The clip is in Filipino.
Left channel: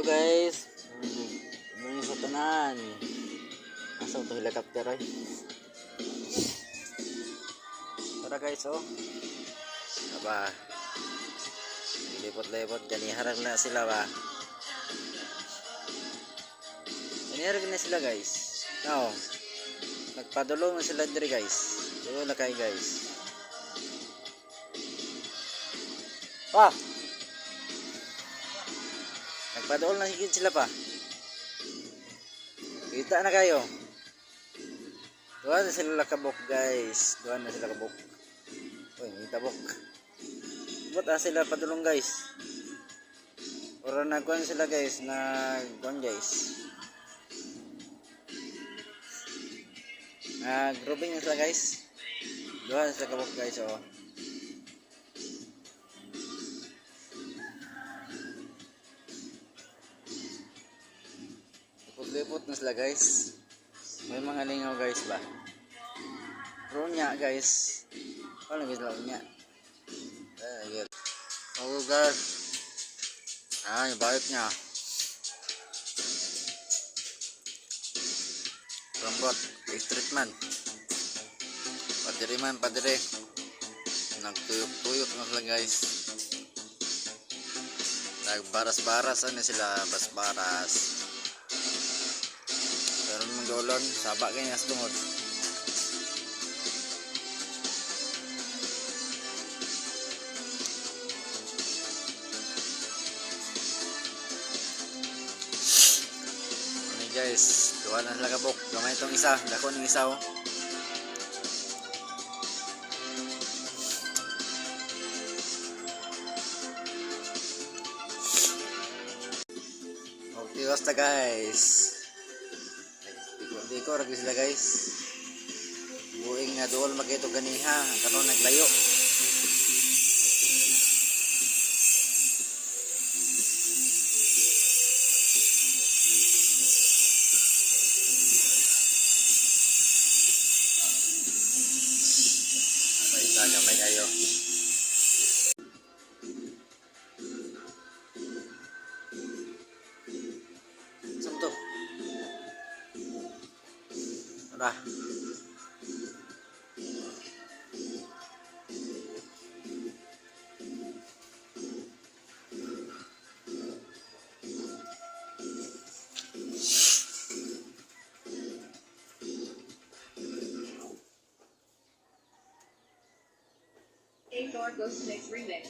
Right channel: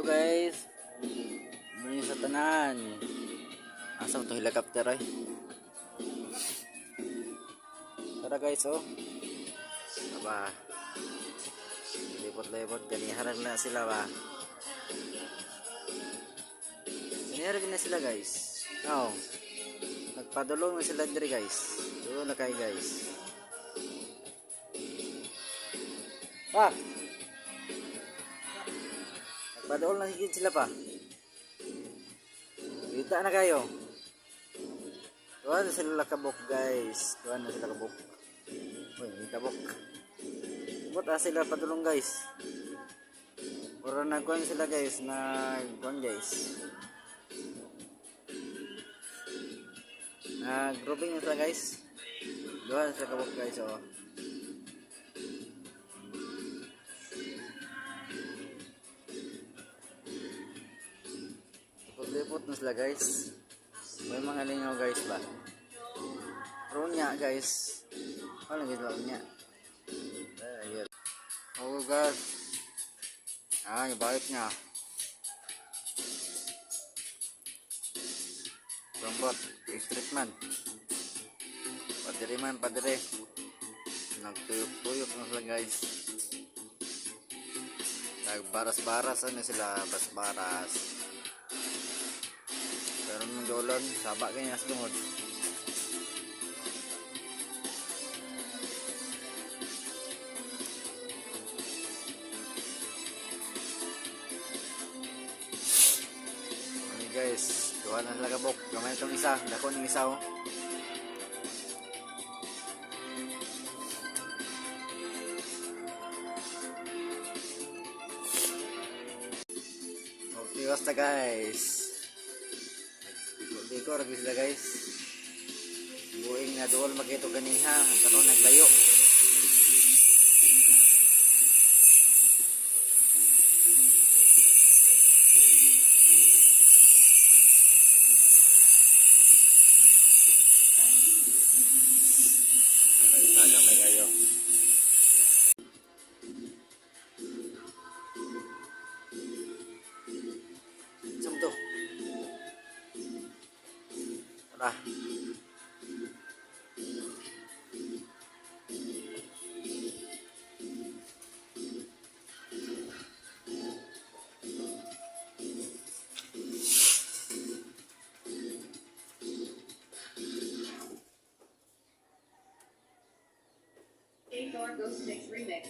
Hello guys. Muli sa tanan. Asa to helicopter ay. Tara guys oh. Aba. Lipot-lipot ganiharag na sila ba. Ganiharag na sila guys. Now, nagpadulong na sila diri guys. Doon na kay guys. Pa. Nagpadulong na higit sila pa. Kita na kayo. Doon na sila kabok guys. Doon na sila kabok. Uy, may tabok. Ibot sila padulong guys. Ora nagkuhan sila guys. Nagkuhan guys. Nag-grouping na sila guys. Doon na sila kabok guys. Oh. Lipot na sila guys. May mga lingaw guys ba. Pero nya guys. Wala guys lang nya. Ayun. Okay guys. Yung balik nya. Rambot. Street man. Padiri man. Padiri. Nagtuyok-tuyok na sila guys. Nagbaras-baras. Ano sila? Bas-baras. Pero nung dolon, sabak kayo nas tungod. Okay guys, duha na sila kabok. Gamay itong isa, dako ng isa oh. Okay, basta guys. Diko lagi sila guys. Buing na dool magito ganiha karon naglayo. Apa isa gamay kayo. Samto. Dah. Goes to next remix.